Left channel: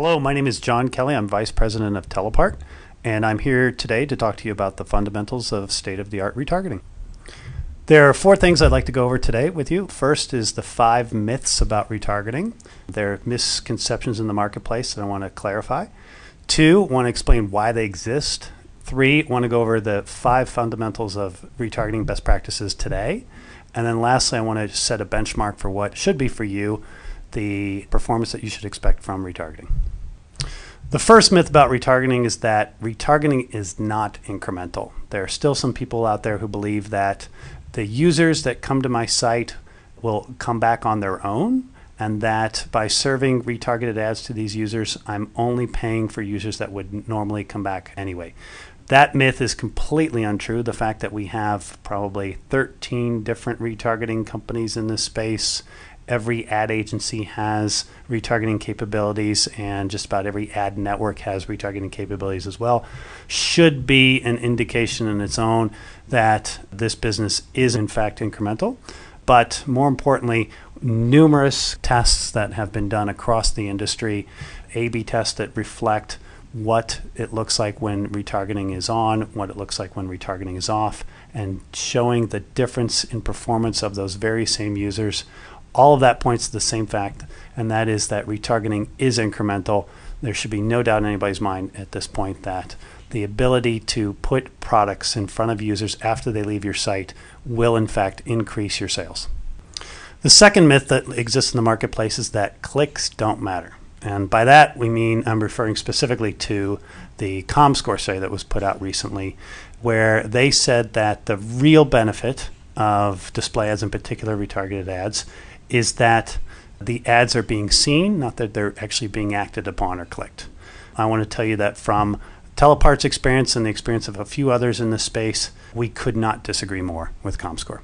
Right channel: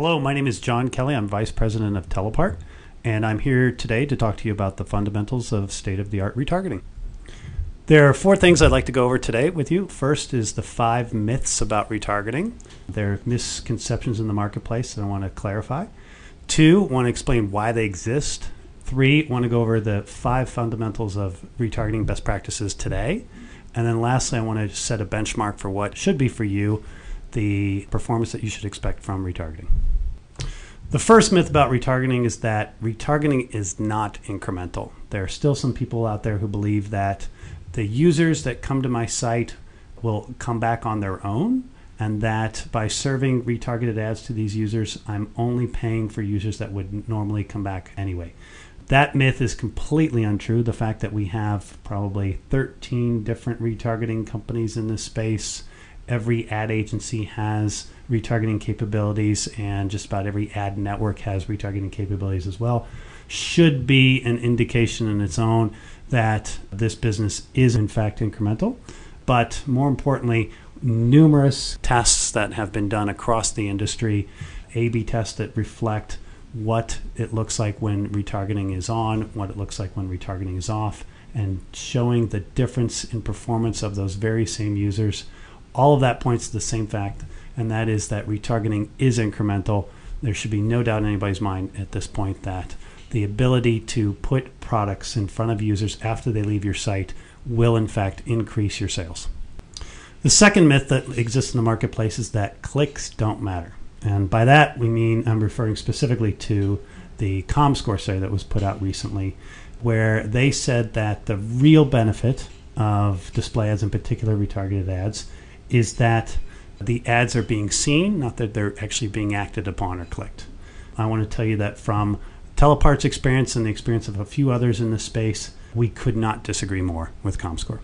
Hello, my name is John Kelly. I'm Vice President of TellApart, and I'm here today to talk to you about the fundamentals of state-of-the-art retargeting. There are 4 things I'd like to go over today with you. First is the 5 myths about retargeting. There are misconceptions in the marketplace that I want to clarify. 2, I want to explain why they exist. 3, I want to go over the 5 fundamentals of retargeting best practices today. And then lastly, I want to set a benchmark for what should be for you the performance that you should expect from retargeting. The first myth about retargeting is that retargeting is not incremental. There are still some people out there who believe that the users that come to my site will come back on their own, and that by serving retargeted ads to these users, I'm only paying for users that would normally come back anyway. That myth is completely untrue. The fact that we have probably 13 different retargeting companies in this space, every ad agency has retargeting capabilities, and just about every ad network has retargeting capabilities as well, should be an indication in its own that this business is in fact incremental. But more importantly, numerous tests that have been done across the industry, A/B tests that reflect what it looks like when retargeting is on, what it looks like when retargeting is off, and showing the difference in performance of those very same users. All of that points to the same fact, and that is that retargeting is incremental. There should be no doubt in anybody's mind at this point that the ability to put products in front of users after they leave your site will in fact increase your sales. The second myth that exists in the marketplace is that clicks don't matter. And by that we mean, I'm referring specifically to the ComScore study that was put out recently, where they said that the real benefit of display ads, in particular retargeted ads, is that the ads are being seen, not that they're actually being acted upon or clicked. I want to tell you that from TellApart's experience and the experience of a few others in this space, we could not disagree more with ComScore.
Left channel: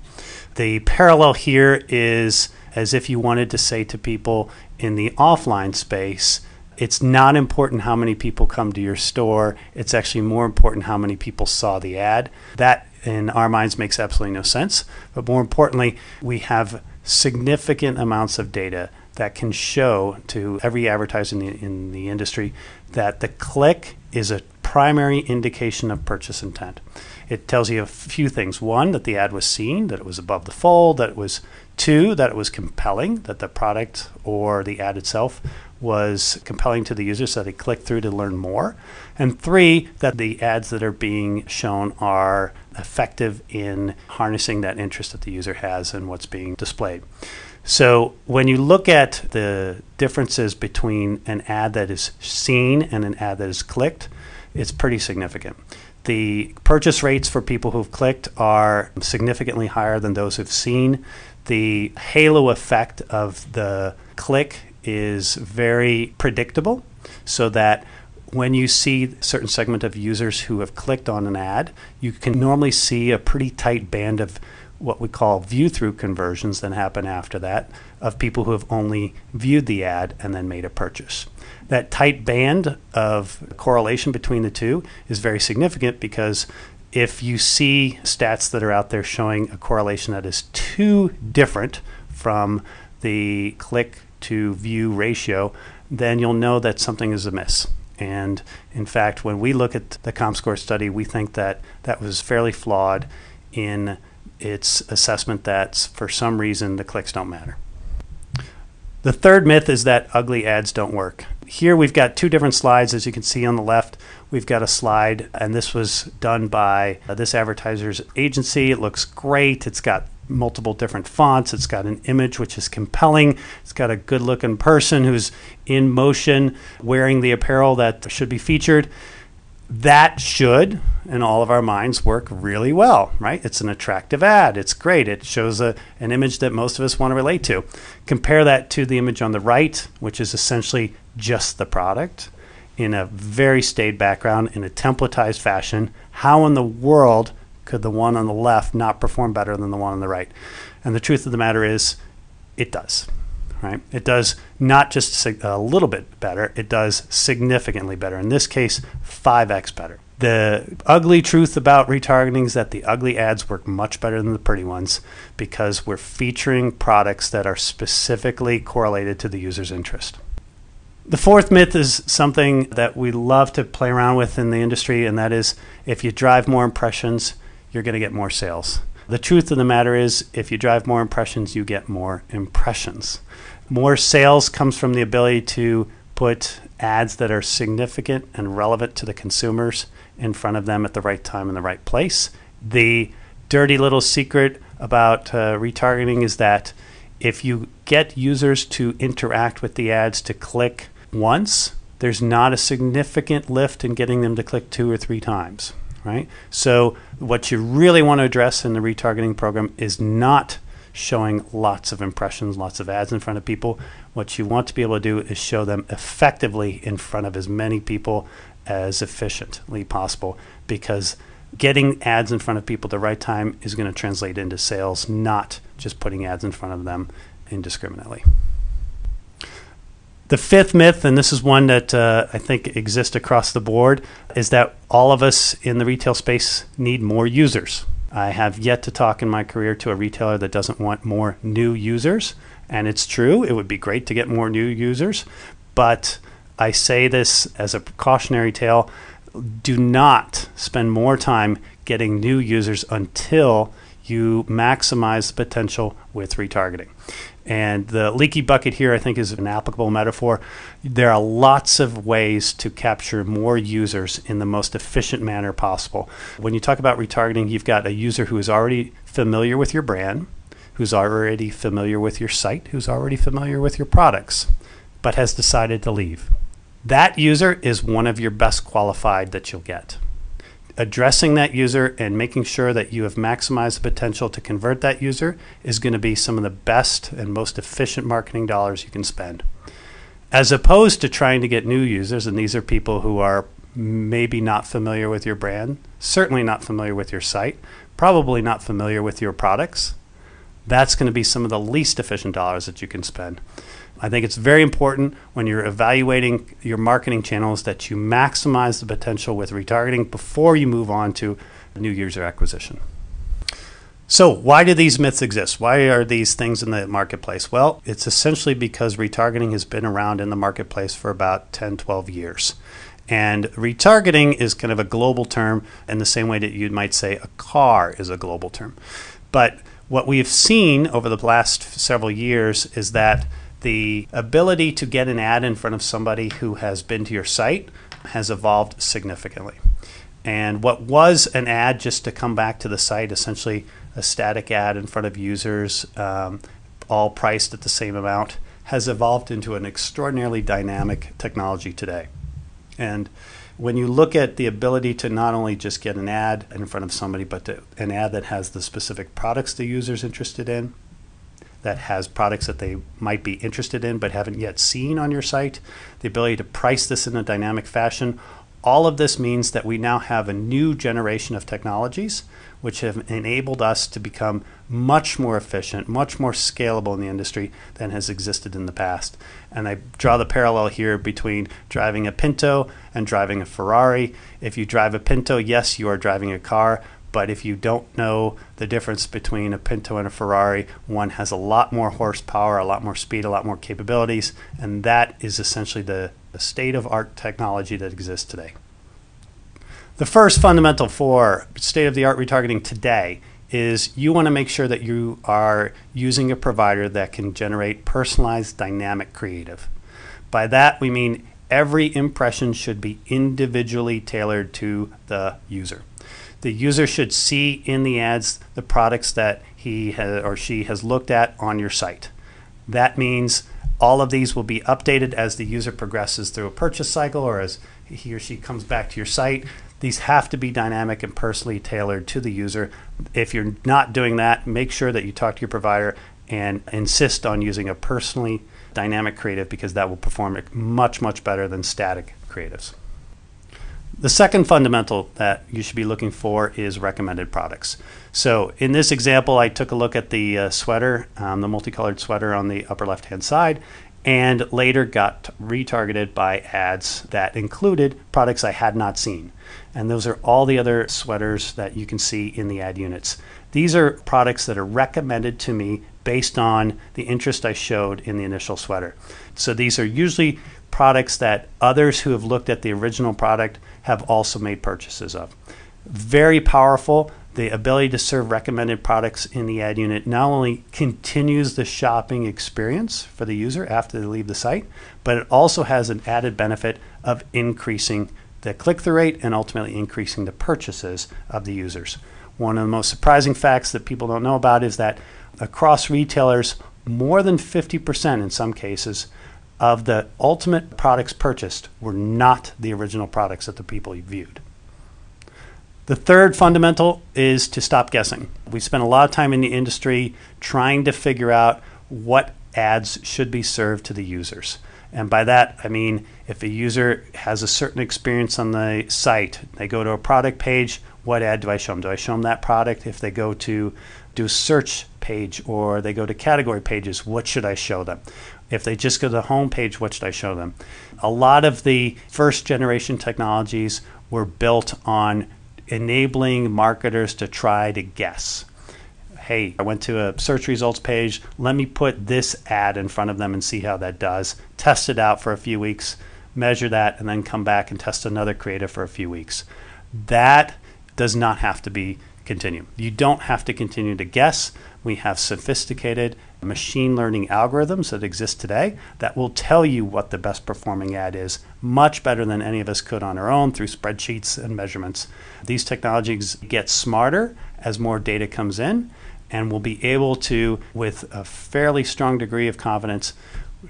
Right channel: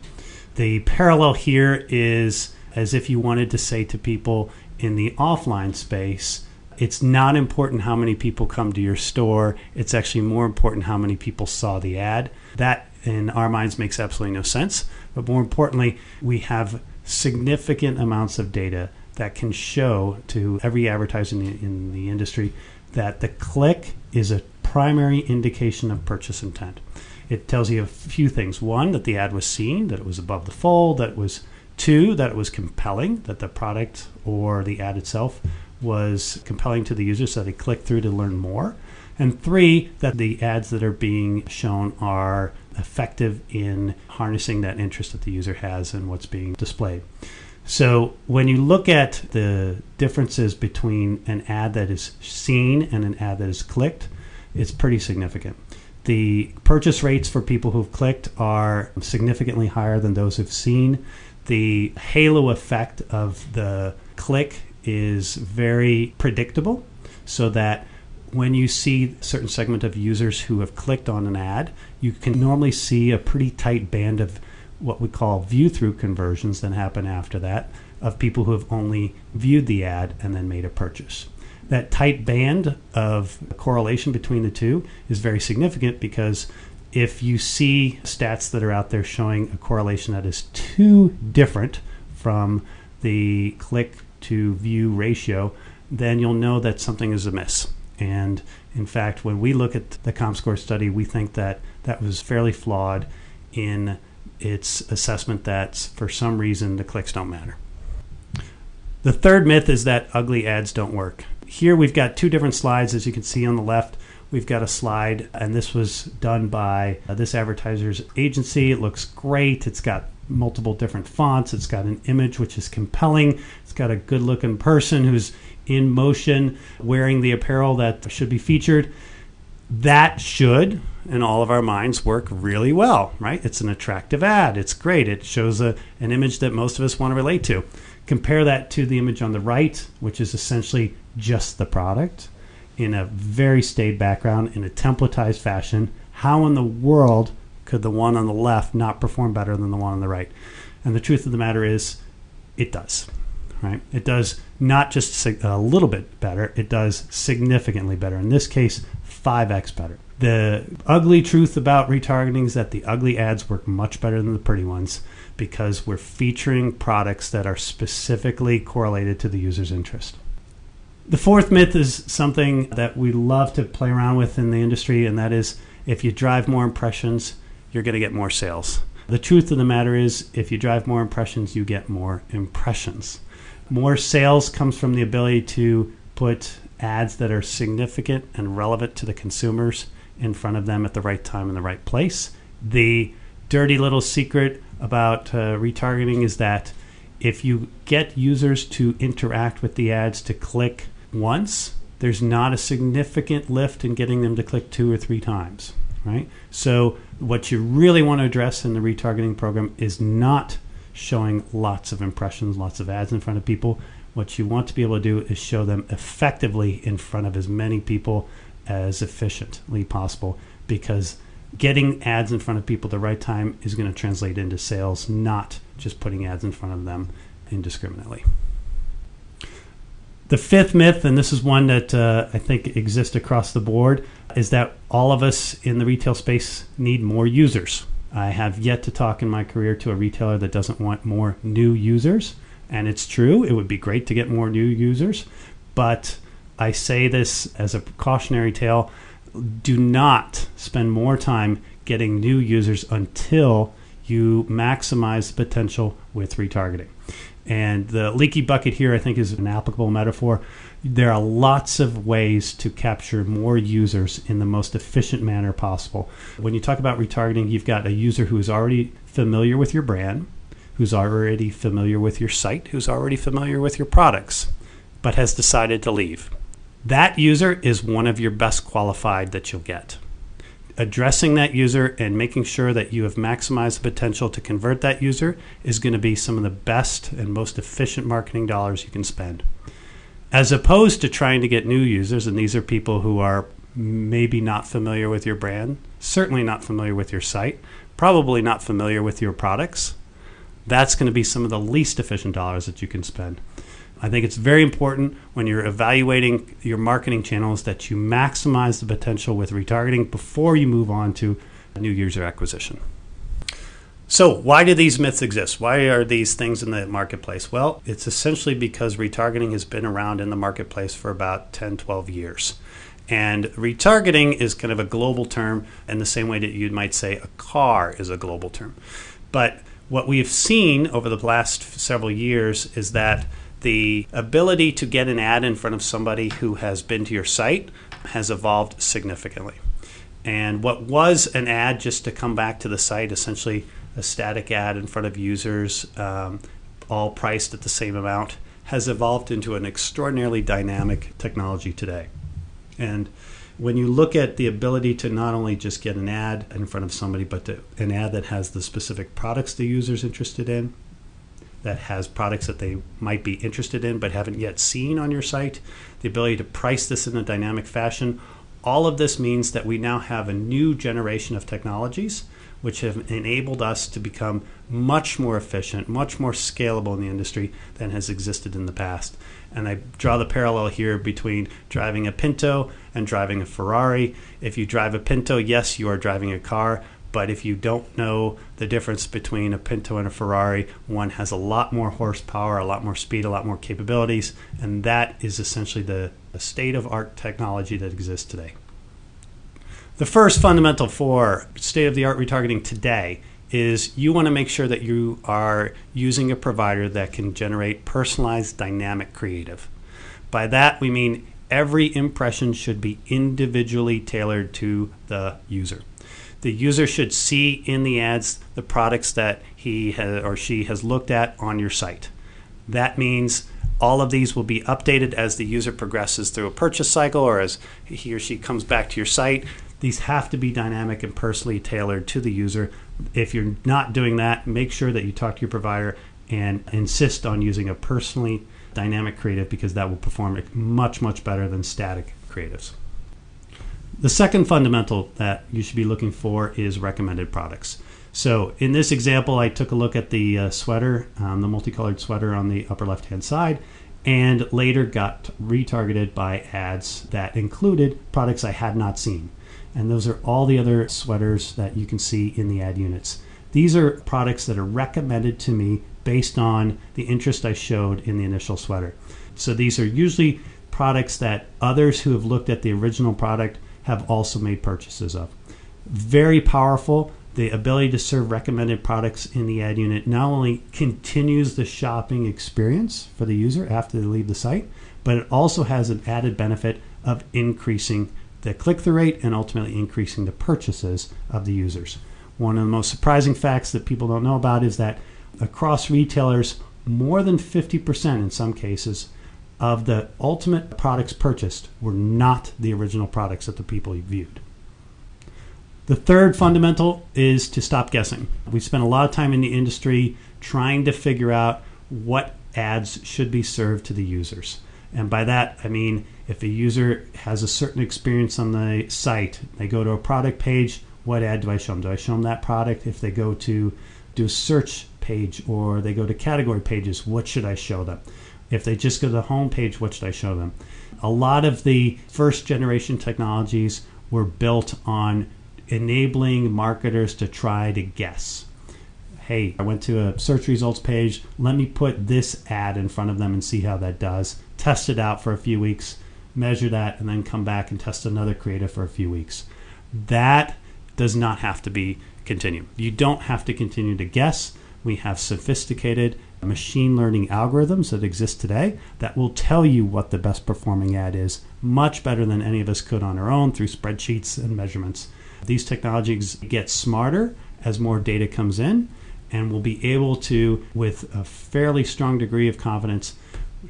The parallel here is as if you wanted to say to people in the offline space, it's not important how many people come to your store, it's actually more important how many people saw the ad. That in our minds makes absolutely no sense, but more importantly, we have significant amounts of data that can show to every advertiser in the industry that the click is a primary indication of purchase intent. It tells you a few things. 1, that the ad was seen, that it was above the fold, that it was 2, that it was compelling, that the product or the ad itself was compelling to the user so they click through to learn more. And 3, that the ads that are being shown are effective in harnessing that interest that the user has in what's being displayed. So when you look at the differences between an ad that is seen and an ad that is clicked, it's pretty significant. The purchase rates for people who've clicked are significantly higher than those who've seen. The halo effect of the click is very predictable, so that when you see a certain segment of users who have clicked on an ad, you can normally see a pretty tight band of what we call view-through conversions that happen after that, of people who have only viewed the ad and then made a purchase. That tight band of correlation between the two is very significant, because if you see stats that are out there showing a correlation that is too different from the click to view ratio, then you'll know that something is amiss. And in fact, when we look at the ComScore study, we think that that was fairly flawed in its assessment that for some reason the clicks don't matter. The third myth is that ugly ads don't work. Here we've got 2 different slides. As you can see on the left, we've got a slide, and this was done by this advertiser's agency. It looks great. It's got multiple different fonts. It's got an image which is compelling. It's got a good looking person who's in motion wearing the apparel that should be featured. That should, in all of our minds, work really well, right? It's an attractive ad. It's great. It shows an image that most of us want to relate to. Compare that to the image on the right, which is essentially just the product in a very staid background in a templatized fashion. How in the world could the one on the left not perform better than the one on the right? And the truth of the matter is, it does. Right? It does not just a little bit better, it does significantly better. In this case, 5x better. The ugly truth about retargeting is that the ugly ads work much better than the pretty ones, because we're featuring products that are specifically correlated to the user's interest. The fourth myth is something that we love to play around with in the industry, and that is if you drive more impressions, you're going to get more sales. The truth of the matter is if you drive more impressions, you get more impressions. More sales comes from the ability to put ads that are significant and relevant to the consumers in front of them at the right time in the right place. The dirty little secret about retargeting is that if you get users to interact with the ads to click once, there's not a significant lift in getting them to click 2 or 3 times, right? So what you really want to address in the retargeting program is not showing lots of impressions, lots of ads in front of people. What you want to be able to do is show them effectively in front of as many people as efficiently possible, because getting ads in front of people at the right time is going to translate into sales, not just putting ads in front of them indiscriminately. The fifth myth, and this is one that I think exists across the board, is that all of us in the retail space need more users. I have yet to talk in my career to a retailer that doesn't want more new users, and it's true. It would be great to get more new users, but I say this as a cautionary tale. Do not spend more time getting new users until you maximize the potential with retargeting. And the leaky bucket here, I think, is an applicable metaphor. There are lots of ways to capture more users in the most efficient manner possible. When you talk about retargeting, you've got a user who is already familiar with your brand, who's already familiar with your site, who's already familiar with your products, but has decided to leave. That user is one of your best qualified that you'll get. Addressing that user and making sure that you have maximized the potential to convert that user is going to be some of the best and most efficient marketing dollars you can spend. As opposed to trying to get new users, and these are people who are maybe not familiar with your brand, certainly not familiar with your site, probably not familiar with your products, that's going to be some of the least efficient dollars that you can spend. I think it's very important when you're evaluating your marketing channels that you maximize the potential with retargeting before you move on to new user acquisition. So why do these myths exist? Why are these things in the marketplace? Well, it's essentially because retargeting has been around in the marketplace for about 10, 12 years. And retargeting is kind of a global term in the same way that you might say a car is a global term. But what we've seen over the last several years is that the ability to get an ad in front of somebody who has been to your site has evolved significantly. And what was an ad just to come back to the site, essentially a static ad in front of users, all priced at the same amount, has evolved into an extraordinarily dynamic technology today. And when you look at the ability to not only just get an ad in front of somebody, but an ad that has the specific products the user's interested in, that has products that they might be interested in but haven't yet seen on your site, the ability to price this in a dynamic fashion, all of this means that we now have a new generation of technologies which have enabled us to become much more efficient, much more scalable in the industry than has existed in the past. And I draw the parallel here between driving a Pinto and driving a Ferrari. If you drive a Pinto, yes, you are driving a car. But if you don't know the difference between a Pinto and a Ferrari, one has a lot more horsepower, a lot more speed, a lot more capabilities, and that is essentially the state-of-art technology that exists today. The first fundamental for state-of-the-art retargeting today is you want to make sure that you are using a provider that can generate personalized dynamic creative. By that we mean every impression should be individually tailored to the user. The user should see in the ads the products that he or she has looked at on your site. That means all of these will be updated as the user progresses through a purchase cycle or as he or she comes back to your site. These have to be dynamic and personally tailored to the user. If you're not doing that, make sure that you talk to your provider and insist on using a personally dynamic creative, because that will perform much, much better than static creatives. The second fundamental that you should be looking for is recommended products. So in this example, I took a look at the sweater, the multicolored sweater on the upper left-hand side, and later got retargeted by ads that included products I had not seen. And those are all the other sweaters that you can see in the ad units. These are products that are recommended to me based on the interest I showed in the initial sweater. So these are usually products that others who have looked at the original product have also made purchases of. Very powerful. The ability to serve recommended products in the ad unit not only continues the shopping experience for the user after they leave the site, but it also has an added benefit of increasing the click-through rate and ultimately increasing the purchases of the users. One of the most surprising facts that people don't know about is that across retailers, more than 50% in some cases of the ultimate products purchased were not the original products that the people viewed. The third fundamental is to stop guessing. We spend a lot of time in the industry trying to figure out what ads should be served to the users. And by that, I mean, if a user has a certain experience on the site, they go to a product page, what ad do I show them? Do I show them that product? If they go to do a search page or they go to category pages, what should I show them? If they just go to the home page, what should I show them? A lot of the first generation technologies were built on enabling marketers to try to guess. Hey, I went to a search results page. Let me put this ad in front of them and see how that does. Test it out for a few weeks, measure that, and then come back and test another creative for a few weeks. That does not have to be continued. You don't have to continue to guess. We have sophisticated machine learning algorithms that exist today that will tell you what the best performing ad is, much better than any of us could on our own through spreadsheets and measurements. These technologies get smarter as more data comes in, and we'll be able to, with a fairly strong degree of confidence,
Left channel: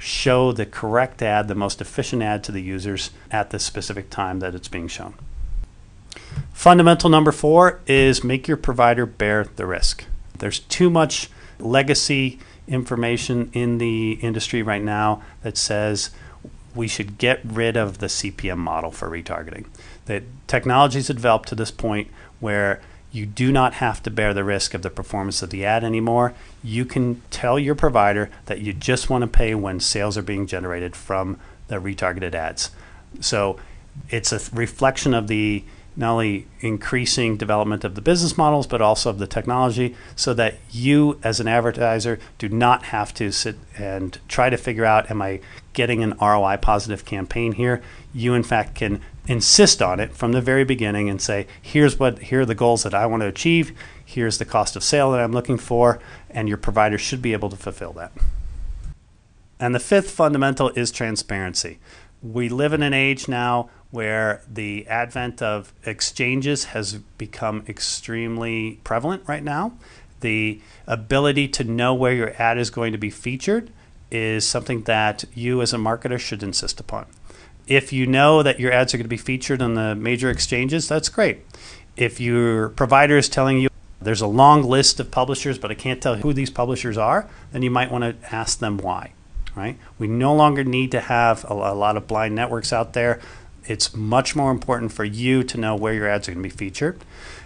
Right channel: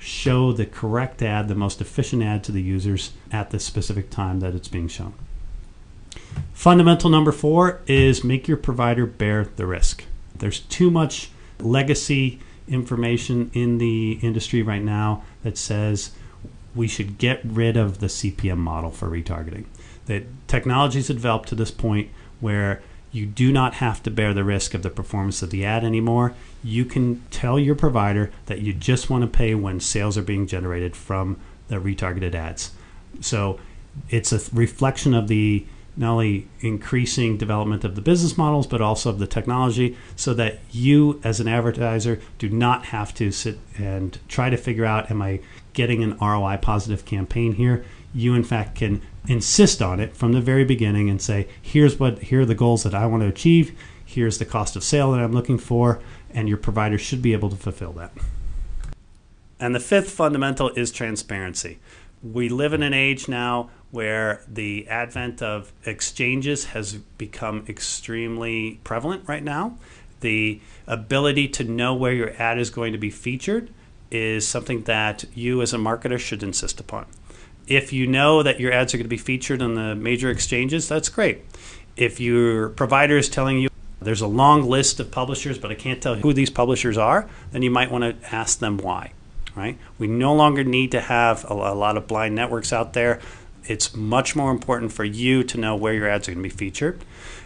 show the correct ad, the most efficient ad to the users at the specific time that it's being shown. Fundamental number 4 is make your provider bear the risk. There's too much legacy information in the industry right now that says we should get rid of the CPM model for retargeting. The technologies have developed to this point where you do not have to bear the risk of the performance of the ad anymore. You can tell your provider that you just want to pay when sales are being generated from the retargeted ads. So it's a reflection of the not only increasing development of the business models, but also of the technology, so that you as an advertiser do not have to sit and try to figure out, am I getting an ROI positive campaign here? You in fact can insist on it from the very beginning and say, here are the goals that I want to achieve, here's the cost of sale that I'm looking for, and your provider should be able to fulfill that. And the fifth fundamental is transparency. We live in an age now where the advent of exchanges has become extremely prevalent right now. The ability to know where your ad is going to be featured is something that you as a marketer should insist upon. If you know that your ads are going to be featured on the major exchanges, that's great. If your provider is telling you there's a long list of publishers, but I can't tell who these publishers are, then you might want to ask them why. Right? We no longer need to have a lot of blind networks out there. It's much more important for you to know where your ads are going to be featured.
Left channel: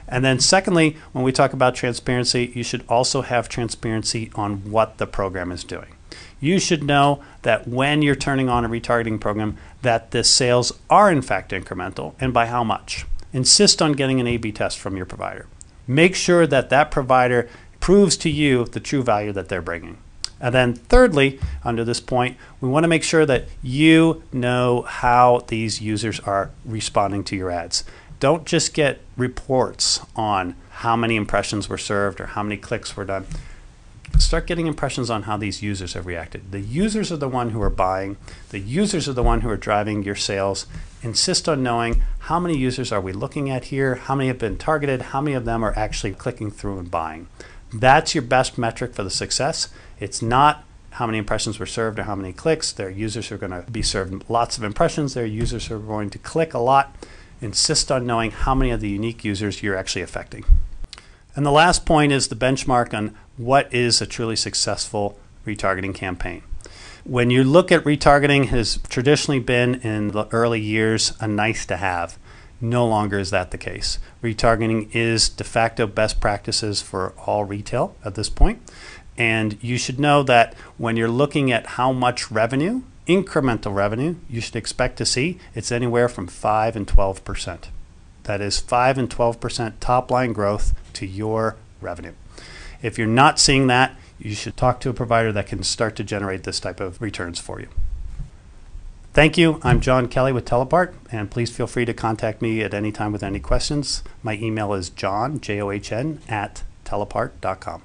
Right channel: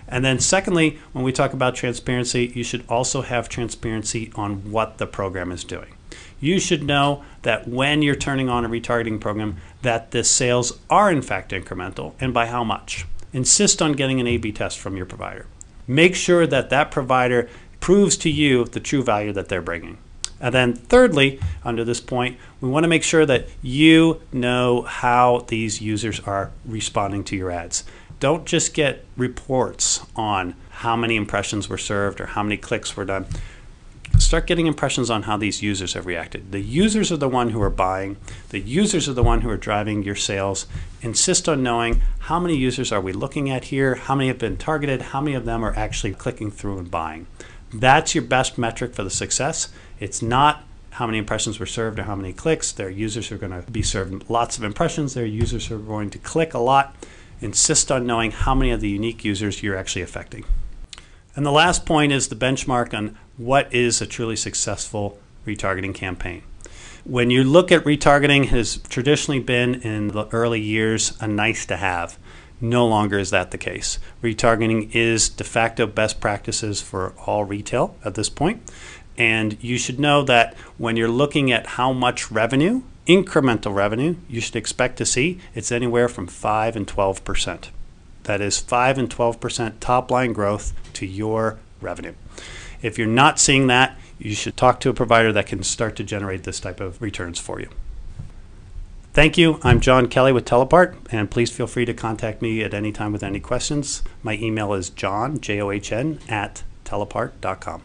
And then secondly, when we talk about transparency, you should also have transparency on what the program is doing. You should know that when you're turning on a retargeting program, that the sales are in fact incremental, and by how much. Insist on getting an A/B test from your provider. Make sure that that provider proves to you the true value that they're bringing. And then thirdly, under this point, we want to make sure that you know how these users are responding to your ads. Don't just get reports on how many impressions were served or how many clicks were done. Start getting impressions on how these users have reacted. The users are the one who are buying. The users are the one who are driving your sales. Insist on knowing how many users are we looking at here, how many have been targeted, how many of them are actually clicking through and buying. That's your best metric for the success. It's not how many impressions were served or how many clicks. Their users are going to be served lots of impressions. Their users are going to click a lot. Insist on knowing how many of the unique users you're actually affecting. And the last point is the benchmark on what is a truly successful retargeting campaign. When you look at retargeting, it has traditionally been in the early years a nice to have. No longer is that the case. Retargeting is de facto best practices for all retail at this point. And you should know that when you're looking at how much revenue, incremental revenue, you should expect to see, it's anywhere from 5 and 12%. That is 5 and 12% top line growth to your revenue. If you're not seeing that, you should talk to a provider that can start to generate this type of returns for you. Thank you. I'm John Kelly with TellApart, and please feel free to contact me at any time with any questions. My email is john, John, @tellapart.com.